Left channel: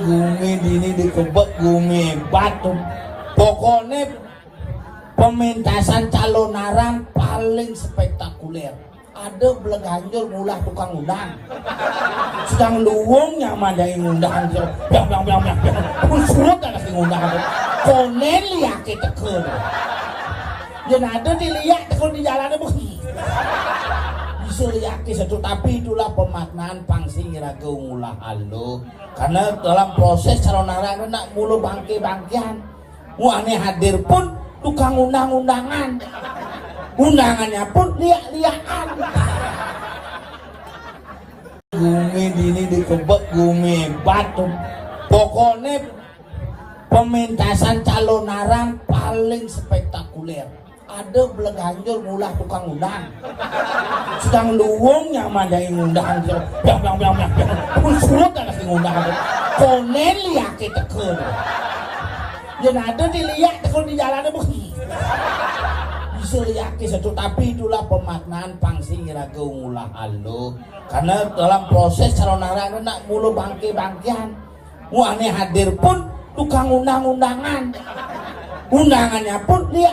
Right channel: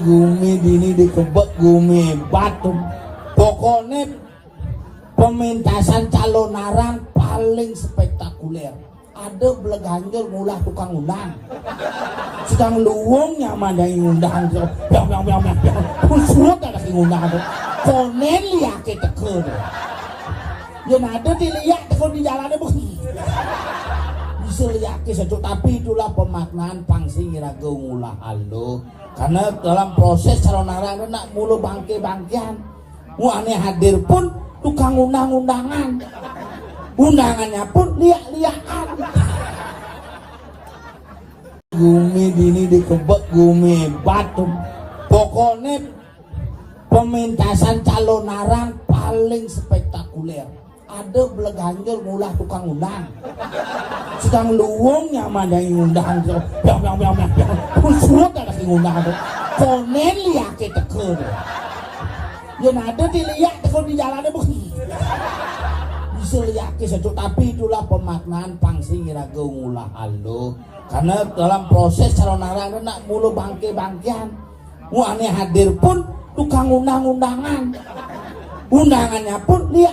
Gumi dini dikebek gumi batu. Pokoknya pementasan calon arang paling spektakuler. Ada beleganjol ngulah tukang undang. Sedang luwung yang madain undang dia. Pun surat ada si undang. Konen lihat kita teker. Dan ada dilihat kalau di jalannya begini. Bisa lihat satu, tapi itulah pemaknaan pangsi ngira geumulah alu. Karena dalam proses calon arang nak mulu bangke-bangkean. Mu aneh hadir pun tukang undang-undangan. Undangannya pun lihat-lihatan. Gumi dini dikebek gumi batu. Pokoknya pementasan calon arang paling spektakuler. Ada beleganjol ngulah tukang undang. Sedang luwung yang madain undang dia. Pun surat ada si undang. Konen lihat kita teker. Dan ada dilihat kalau di jalannya begini. Bisa lihat satu, tapi itulah pemaknaan pangsi ngira geumulah alu. Karena dalam proses calon arang nak mulu bangke-bangkean. Mu aneh hadir pun tukang undang-undangan. Undangannya pun lihat